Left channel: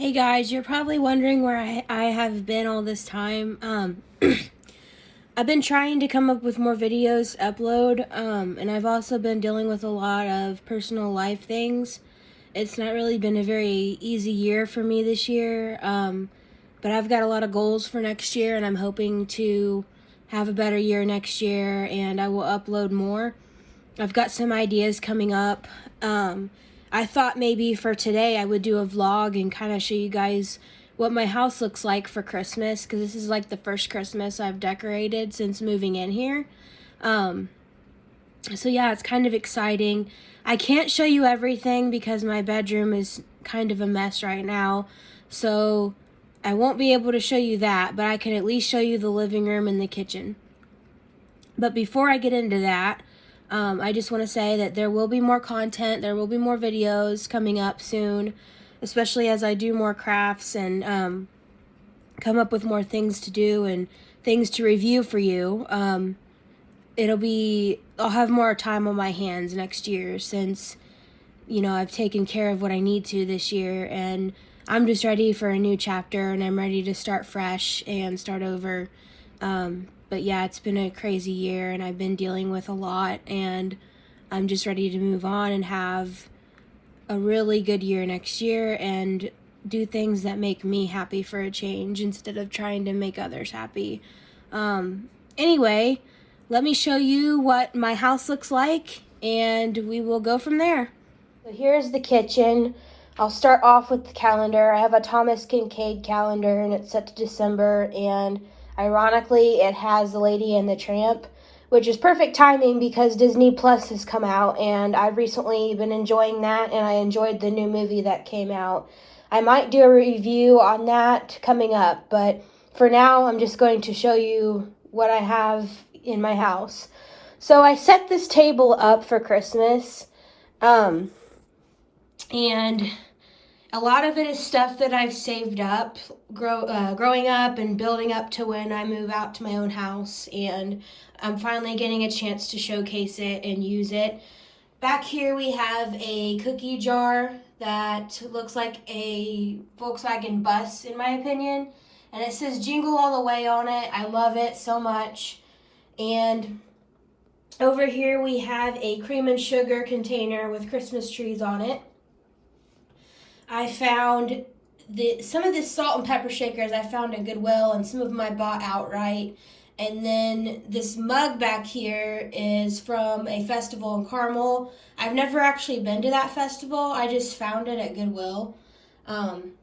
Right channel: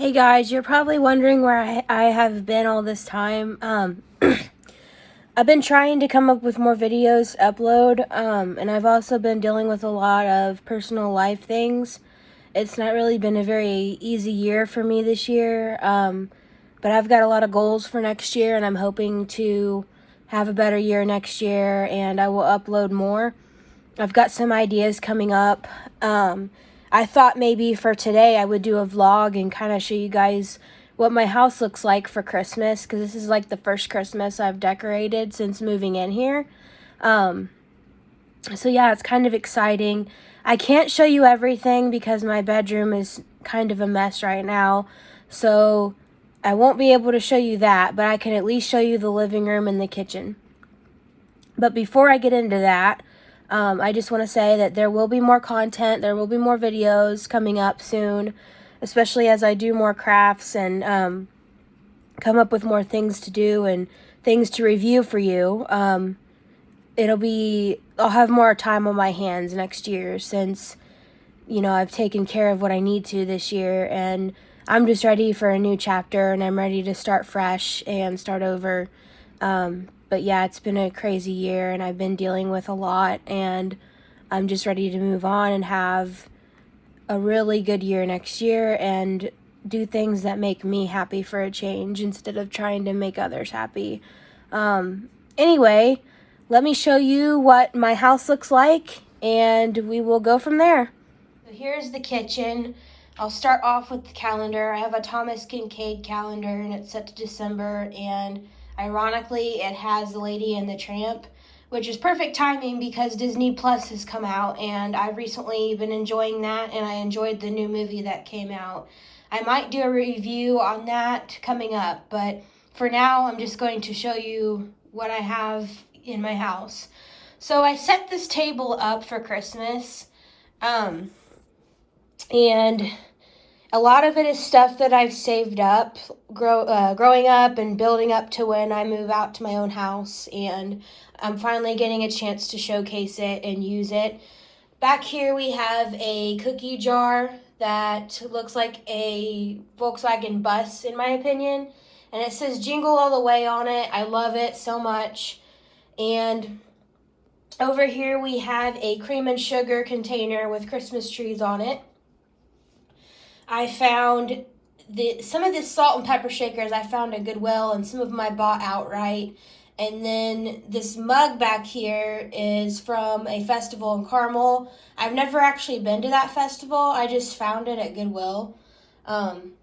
Hey guys, you're probably wondering where I have been all this time. I've been trying to come up with more videos to upload, and I've also been dealing with a lot of personal life things. It's not really been a very easy year for me this year, but I've got a lot of goals for next year, and I'm hoping to have a better year next year, and I will upload more. I've got some ideas coming up. I thought maybe for today I would do a vlog and kind of show you guys what my house looks like for Christmas, because this is like the first Christmas I've decorated since moving in here. So yeah, it's kind of exciting. I can't show you everything because my bedroom is kind of a mess right now, so I won't be able to show you that, but I can at least show you the living room and the kitchen. But before I get into that, I just want to say that there will be more content, there will be more videos coming up soon, especially as I do more crafts and come up with more things to do and things to review for you. I'll have more time on my hands next year since, I've taken care of what I need to this year, and I'm just ready for a new chapter, and I'm ready to start fresh and start over. But yeah, it's been a crazy year, and I've been dealing with a lot, and I'm just ready to move on and have a really good year next year and do things that make me happy for a change instead of trying to make others happy. Anyway, let me show you what my house looks like, and we will go from there. So here's the kitchen. I'll start off with the calendar. I have a Thomas Kincaid calendar, and it's set to December, and ironically, it has The Lady and the Tramp, which is perfect timing because Disney Plus has come out, and I've recently been enjoying that, and I enjoyed the new movie that came out. I might do a review on that coming up, but for now, I'm just going to show you what I have in my house. So I set this table up for Christmas, and a lot of it is stuff that I've saved up growing up and building up to when I move out to my own house, and I'm finally getting a chance to showcase it and use it. Back here we have a cookie jar that looks like a Volkswagen bus in my opinion, and it says Jingle All the Way on it. I love it so much. And over here we have a cream and sugar container with Christmas trees on it. I found some of this salt and pepper shakers I found at Goodwill, and some of them I bought outright. And then this mug back here is from a festival in Carmel. I've never actually been to that festival. I just found it at Goodwill. And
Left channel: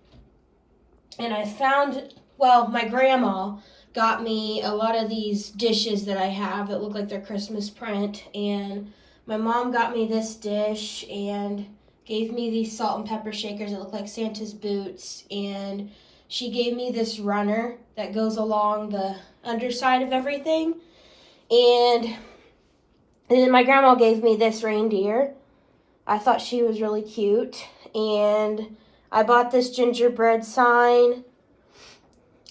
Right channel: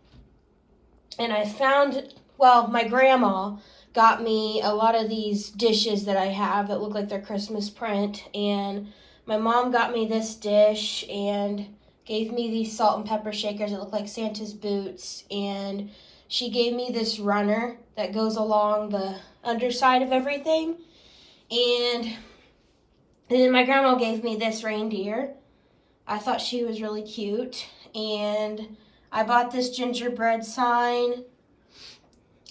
I found, my grandma got me a lot of these dishes that I have that look like they're Christmas print. And my mom got me this dish and gave me these salt and pepper shakers that look like Santa's boots, and she gave me this runner that goes along the underside of everything, and then my grandma gave me this reindeer. I thought she was really cute, and I bought this gingerbread sign,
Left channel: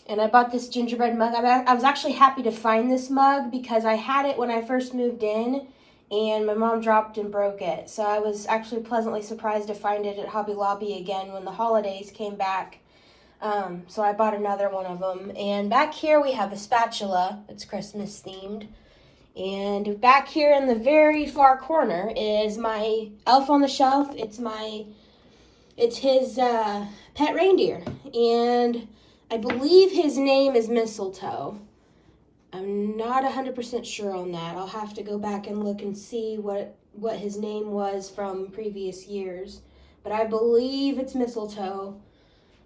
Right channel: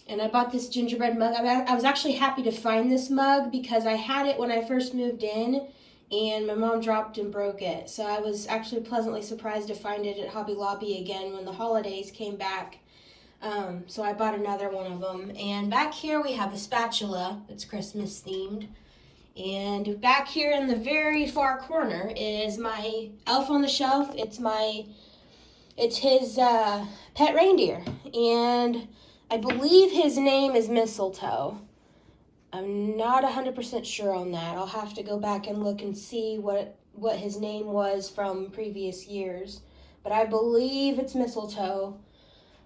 and I bought this gingerbread mug. I was actually happy to find this mug because I had it when I first moved in, and my mom dropped and broke it. So I was actually pleasantly surprised to find it at Hobby Lobby again when the holidays came back. So I bought another one of them. And back here we have a spatula that's Christmas themed. And back here in the very far corner is my Elf on the Shelf. It's his pet reindeer. And I believe his name is Mistletoe. I'm not 100% sure on that. I'll have to go back and look and see what his name was from previous years. But I believe it's Mistletoe.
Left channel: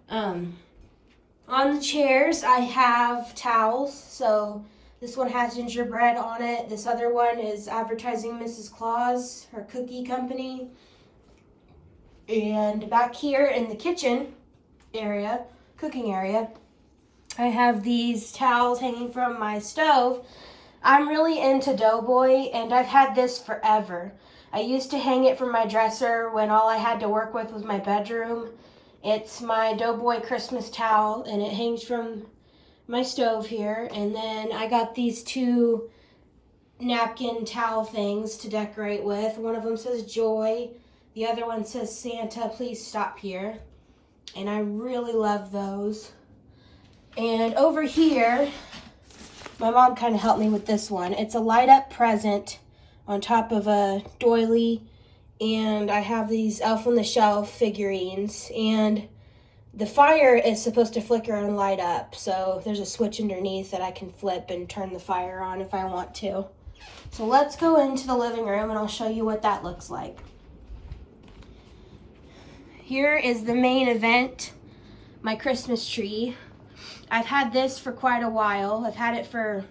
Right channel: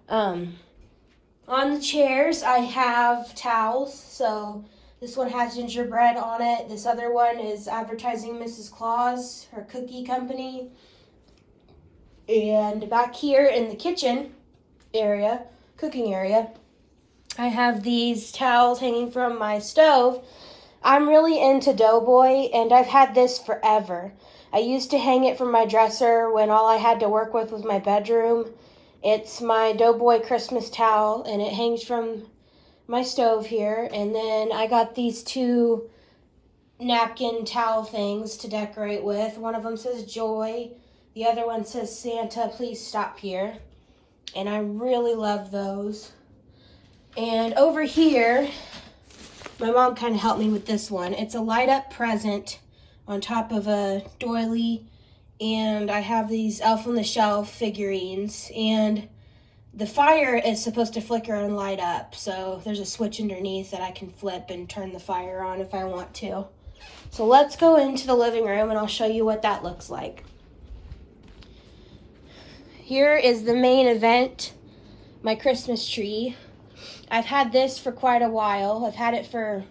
On the chairs, I have towels. So this one has gingerbread on it. This other one is advertising Mrs. Claus, her cookie company. And back here in the kitchen area, cooking area, I have these towels hanging from my stove. I'm really into Doughboy, and I've had this forever. I used to hang it from my dresser when all I had to work with was my bedroom. It's my Doughboy Christmas towel, and it hangs from my stove here. And then I got these two napkin towel things to decorate with. One of them says Joy. The other one says Santa, please stop here. and I really love those. And over here, my mom kind of helped me with this one. It's a light up present on top of a doily, and I have these Elf on the Shelf figurines, and the fire is supposed to flicker and light up, so there's a switch underneath that I can flip and turn the fire on if I want to. So let's go into the living room and I'll show you what that looks like. Here is the main event, my Christmas tree. I've had this for quite a while. I've had it for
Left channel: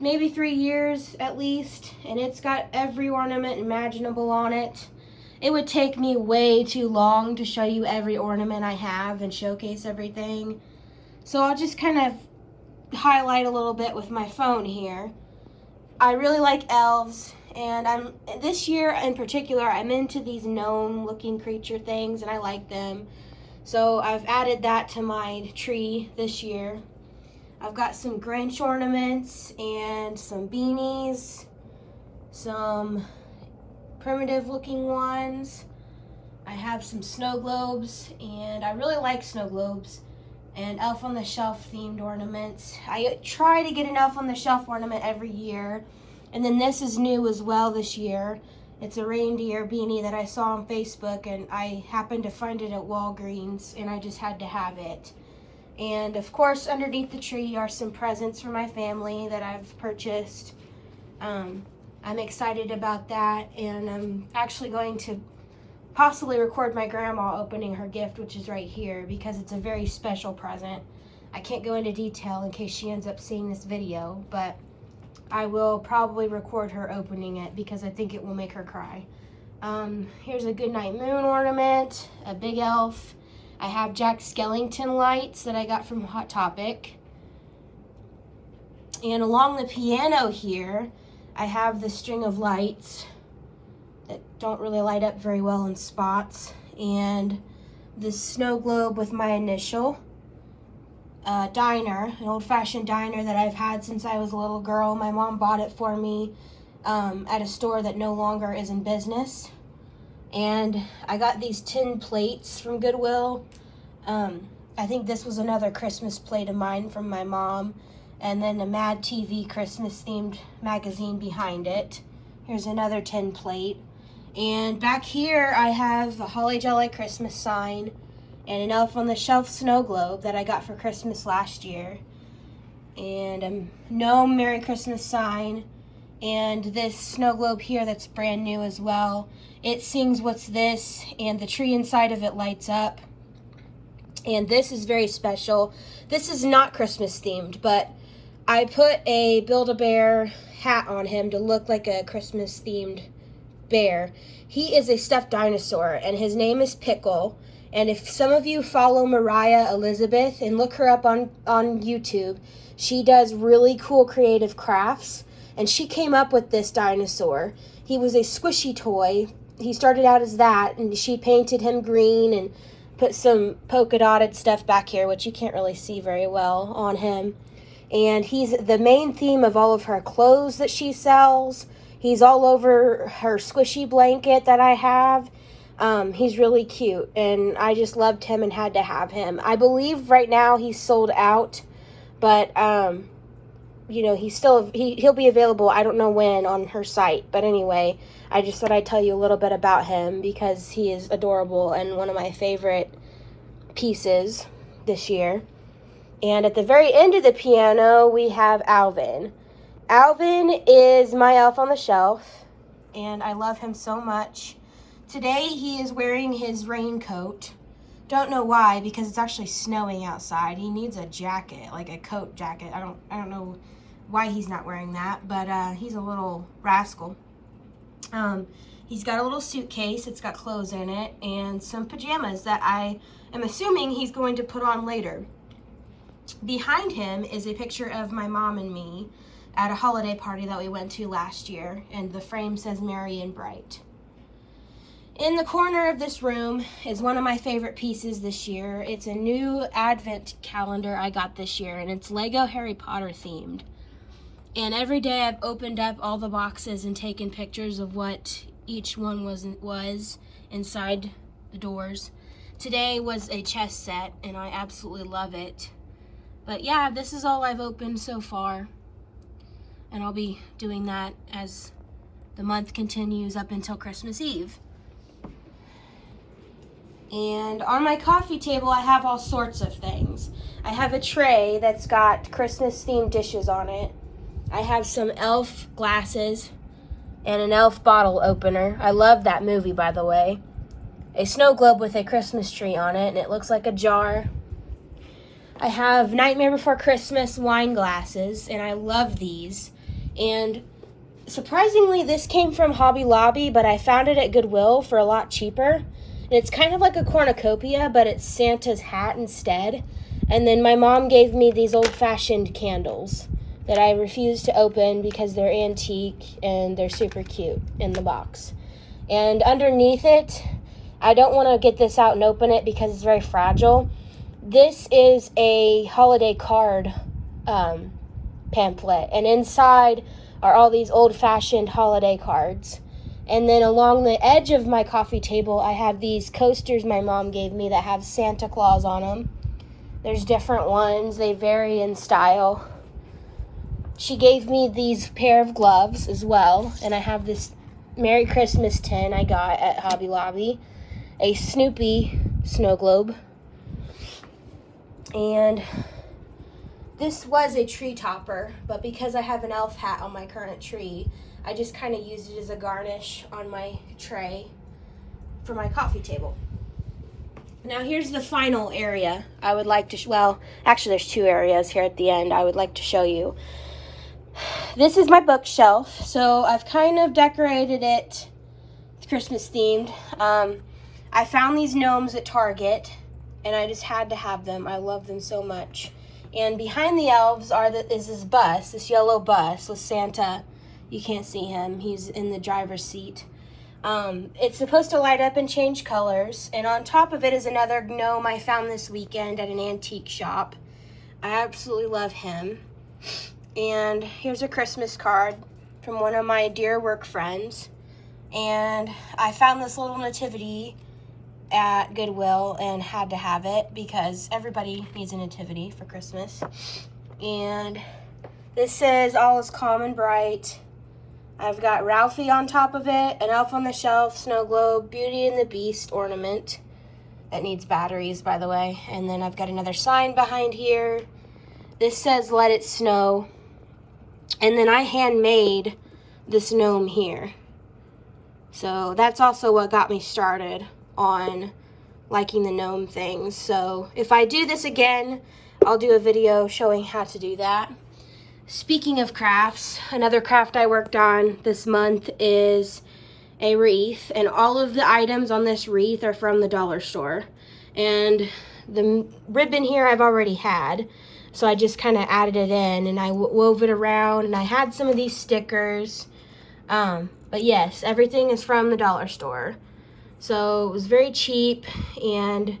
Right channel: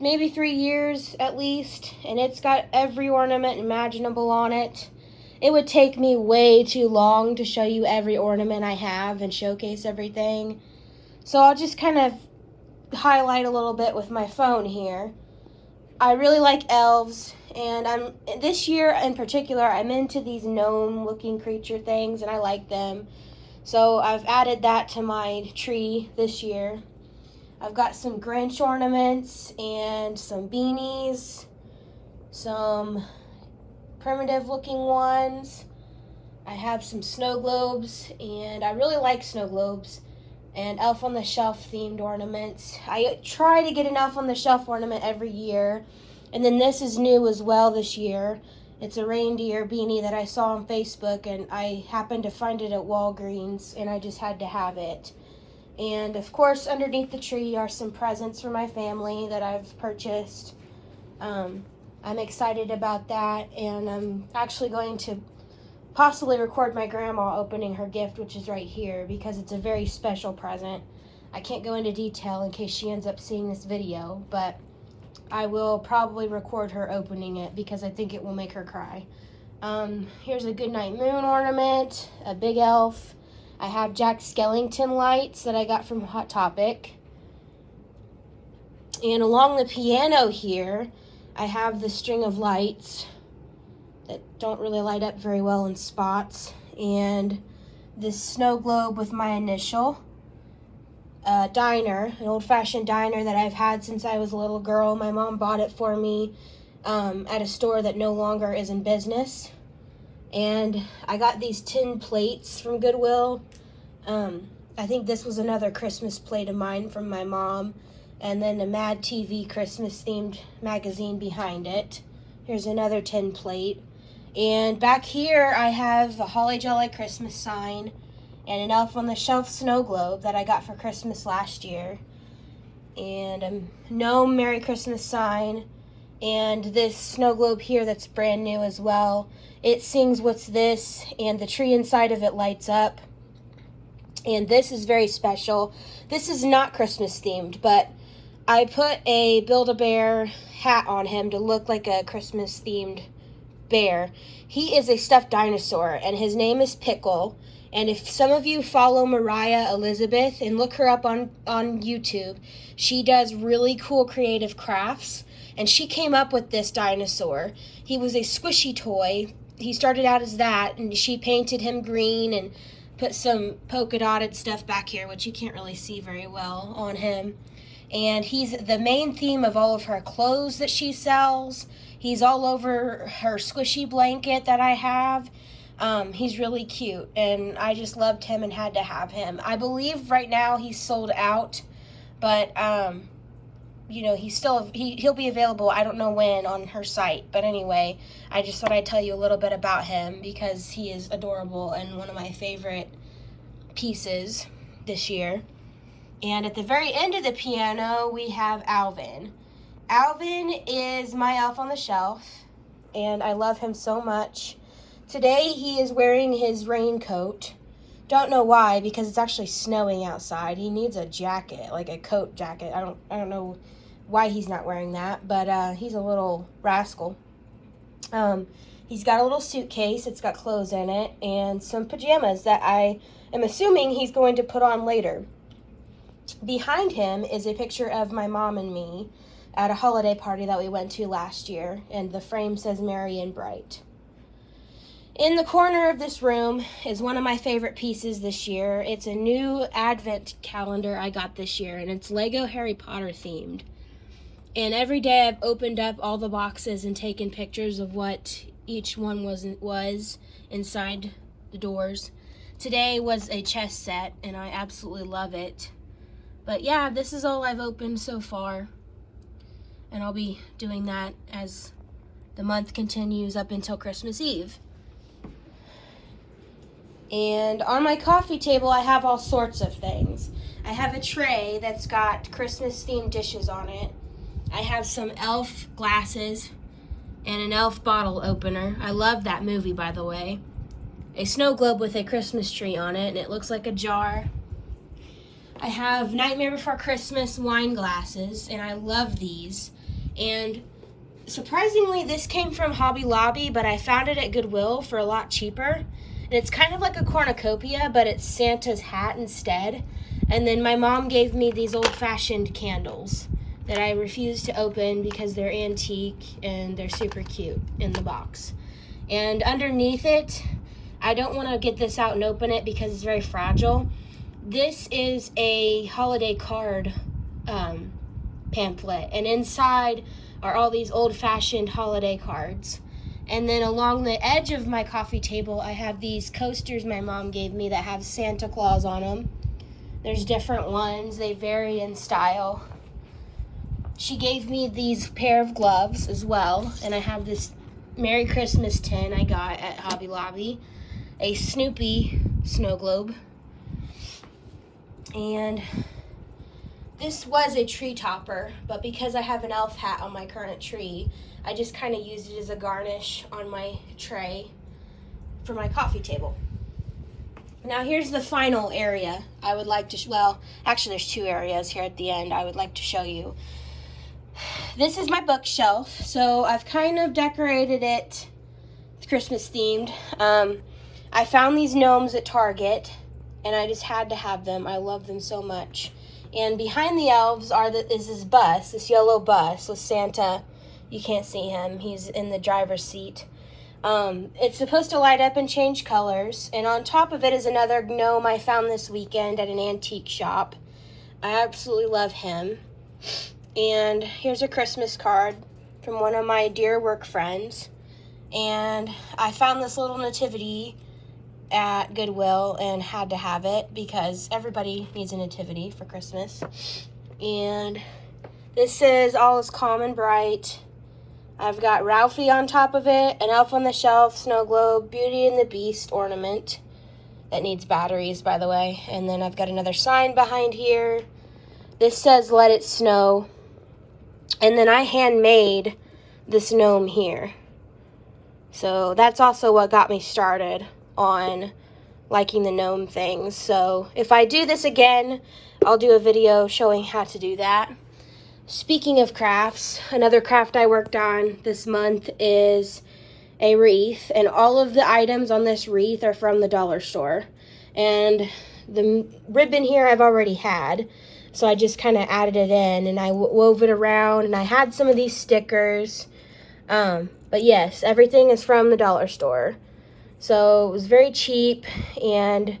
maybe 3 years at least, and it's got every ornament imaginable on it. It would take me way too long to show you every ornament I have and showcase everything. So I'll just kind of highlight a little bit with my phone here. I really like elves, and this year in particular, I'm into these gnome-looking creature things, and I like them. So I've added that to my tree this year. I've got some Grinch ornaments and some beanies, some primitive looking ones. I have some snow globes, and I really like snow globes, and Elf on the Shelf themed ornaments. I try to get an Elf on the Shelf ornament every year, and then this is new as well this year. It's a reindeer beanie that I saw on Facebook, and I happened to find it at Walgreens, and I just had to have it. And of course, underneath the tree are some presents for my family that I've purchased. I'm excited about that, and I'm actually going to possibly record my grandma opening her gift, which is right here, because it's a very special present. I can't go into detail in case she ends up seeing this video, but I will probably record her opening it because I think it will make her cry. Here's a Goodnight Moon ornament, a big elf. I have Jack Skellington lights that I got from Hot Topic. And along the piano here, I have the string of lights that don't really light up very well in spots, and this snow globe with my initial. Diner, an old-fashioned diner that I've had since I was a little girl. My mom bought it for me at a store that no longer is in business. And I got these tin plates from Goodwill. I think this was another Christmas plate of mine from my mom. And then a Mad TV Christmas-themed magazine behind it. Here's another tin plate. And back here I have a Holly Jolly Christmas sign and an Elf on the Shelf snow globe that I got for Christmas last year. And a gnome Merry Christmas sign. And this snow globe here that's brand new as well. It sings "What's This?" and the tree inside of it lights up. And this is very special. This is not Christmas themed, but I put a Build-A-Bear hat on him to look like a Christmas themed bear. He is a stuffed dinosaur, and his name is Pickle. And if some of you follow Mariah Elizabeth and look her up on YouTube, she does really cool creative crafts, and she came up with this dinosaur. He was a squishy toy. He started out as that, and she painted him green and put some polka dotted stuff back here, which you can't really see very well on him. And he's the main theme of all of her clothes that she sells. He's all over her squishy blanket that I have. He's really cute, and I just loved him and had to have him. I believe right now he's sold out, but you know, he'll be available, I don't know when, on her site. But anyway, I just thought I'd tell you a little bit about him because he is adorable and one of my favorite pieces this year. And at the very end of the piano, we have Alvin. Alvin is my Elf on the Shelf, and I love him so much. Today he is wearing his raincoat. Don't know why, because it's actually snowing outside. He needs a jacket, like a coat jacket. I don't know why he's not wearing that, but he's a little rascal. He's got a little suitcase. It's got clothes in it and some pajamas that I am assuming he's going to put on later. Behind him is a picture of my mom and me at a holiday party that we went to last year, and the frame says Merry and Bright. In the corner of this room is one of my favorite pieces this year. It's a new advent calendar I got this year, and it's Lego Harry Potter themed. And every day I've opened up all the boxes and taken pictures of what each one was inside the doors. Today was a chess set, and I absolutely love it. But yeah, this is all I've opened so far. And I'll be doing that as the month continues up until Christmas Eve. And on my coffee table, I have all sorts of things. I have a tray that's got Christmas-themed dishes on it. I have some Elf glasses and an Elf bottle opener. I love that movie, by the way. A snow globe with a Christmas tree on it, and it looks like a jar. I have Nightmare Before Christmas wine glasses, and I love these. And surprisingly, this came from Hobby Lobby, but I found it at Goodwill for a lot cheaper. And it's kind of like a cornucopia, but it's Santa's hat instead. And then my mom gave me these old-fashioned candles that I refuse to open because they're antique and they're super cute in the box. And underneath it, I don't want to get this out and open it because it's very fragile. This is a holiday card pamphlet, and inside are all these old-fashioned holiday cards. And then along the edge of my coffee table, I have these coasters my mom gave me that have Santa Claus on them. There's different ones. They vary in style. She gave me these pair of gloves as well, and I have this Merry Christmas tin I got at Hobby Lobby, a Snoopy snow globe, and this was a tree topper, but because I have an elf hat on my current tree, I just kind of used it as a garnish on my tray for my coffee table. Now here's the final area I would like to, well, actually there's two areas here at the end I would like to show you. This is my bookshelf, so I've kind of decorated it Christmas themed. I found these gnomes at Target, and I just had to have them. I love them so much. And behind the elves is this bus, this yellow bus with Santa. You can't see him. He's in the driver's seat. It's supposed to light up and change colors. And on top of it is another gnome I found this weekend at an antique shop. I absolutely love him. And here's a Christmas card from one of my dear work friends. And I found this little nativity at Goodwill and had to have it because everybody needs a nativity for Christmas. And this says all is calm and bright. I've got Ralphie on top of it, an elf on the shelf, snow globe, Beauty and the Beast ornament that needs batteries, by the way. And then I've got another sign behind here. This says let it snow. And then I handmade this gnome here. So that's also what got me started on liking the gnome things. So if I do this again, I'll do a video showing how to do that. Speaking of crafts, another craft I worked on this month is a wreath, and all of the items on this wreath are from the dollar store. And the ribbon here I've already had, so I just kind of added it in, and I wove it around, and I had some of these stickers. But yes, everything is from the dollar store. So it was very cheap and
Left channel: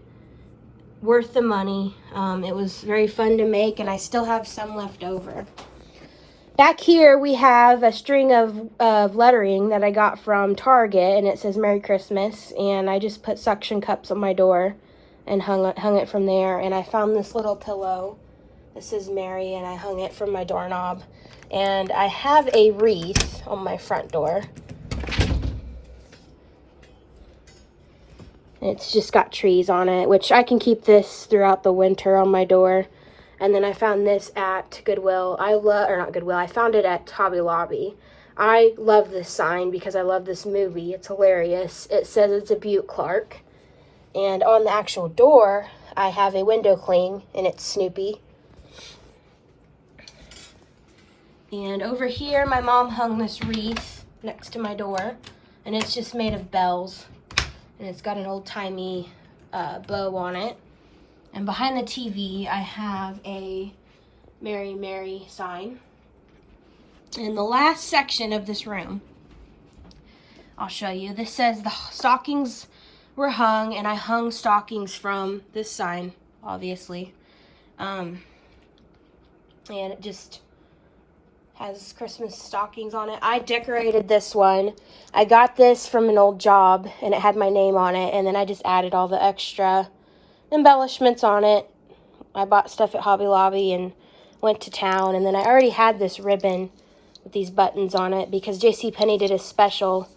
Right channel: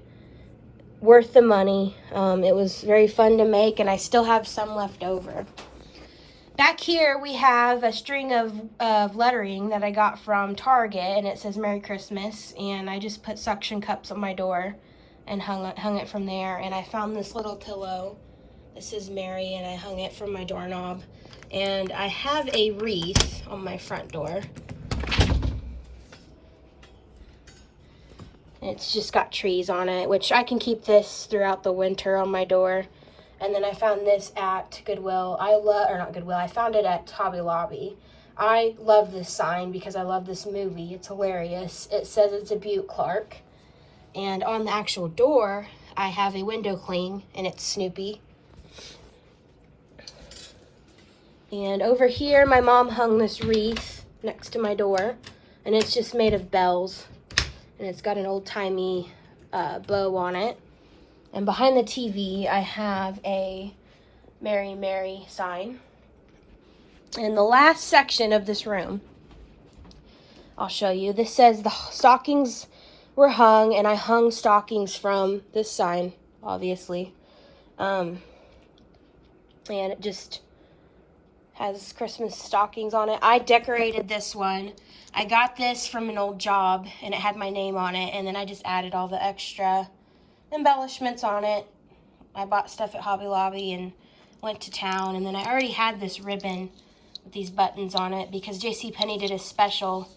worth the money. It was very fun to make, and I still have some left over. Back here we have a string of lettering that I got from Target, and it says Merry Christmas, and I just put suction cups on my door and hung it from there. And I found this little pillow that says Merry, and I hung it from my doorknob. And I have a wreath on my front door. It's just got trees on it, which I can keep this throughout the winter on my door. And then I found this at Goodwill. I found it at Hobby Lobby. I love this sign because I love this movie. It's hilarious. It says it's a Butte Clark. And on the actual door, I have a window cling, and it's Snoopy. And over here, my mom hung this wreath next to my door, and it's just made of bells. And it's got an old-timey bow on it. And behind the TV, I have a Mary Mary sign. And the last section of this room, I'll show you. This says the stockings were hung, and I hung stockings from this sign, obviously. And it just has Christmas stockings on it. I decorated this one I got this from an old job, and it had my name on it, and then I just added all the extra embellishments on it. I bought stuff at Hobby Lobby and went to town, and then I already had this ribbon with these buttons on it because JCPenney did a special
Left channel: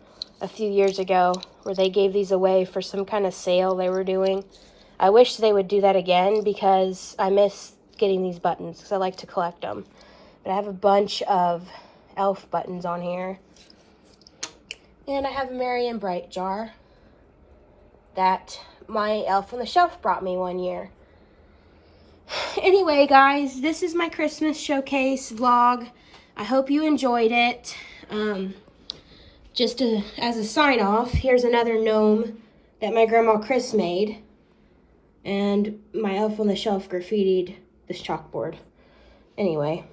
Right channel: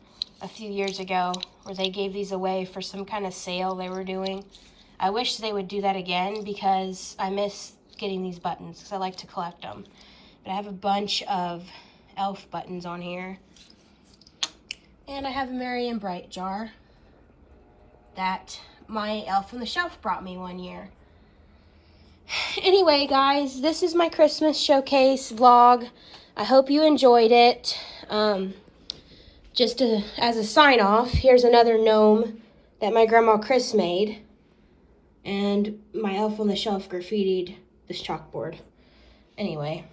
a few years ago where they gave these away for some kind of sale they were doing. I wish they would do that again because I miss getting these buttons because I like to collect them. But I have a bunch of elf buttons on here. And I have a Merry and Bright jar that my elf on the shelf brought me one year. Anyway, guys, this is my Christmas showcase vlog. I hope you enjoyed it. As a sign-off, here's another gnome that my Grandma Chris made. And my elf on the shelf graffitied this chalkboard. Anyway,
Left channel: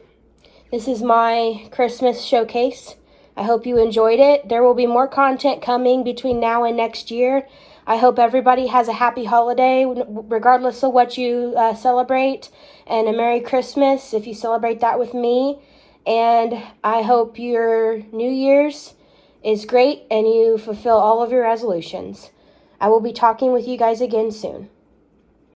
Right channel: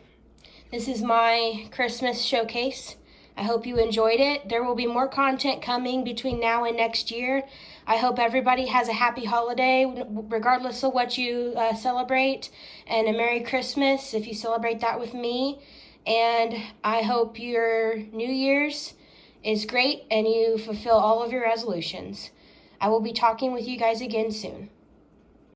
this is my Christmas showcase. I hope you enjoyed it. There will be more content coming between now and next year. I hope everybody has a happy holiday, regardless of what you celebrate, and a Merry Christmas if you celebrate that with me. And I hope your New Year's is great and you fulfill all of your resolutions. I will be talking with you guys again soon.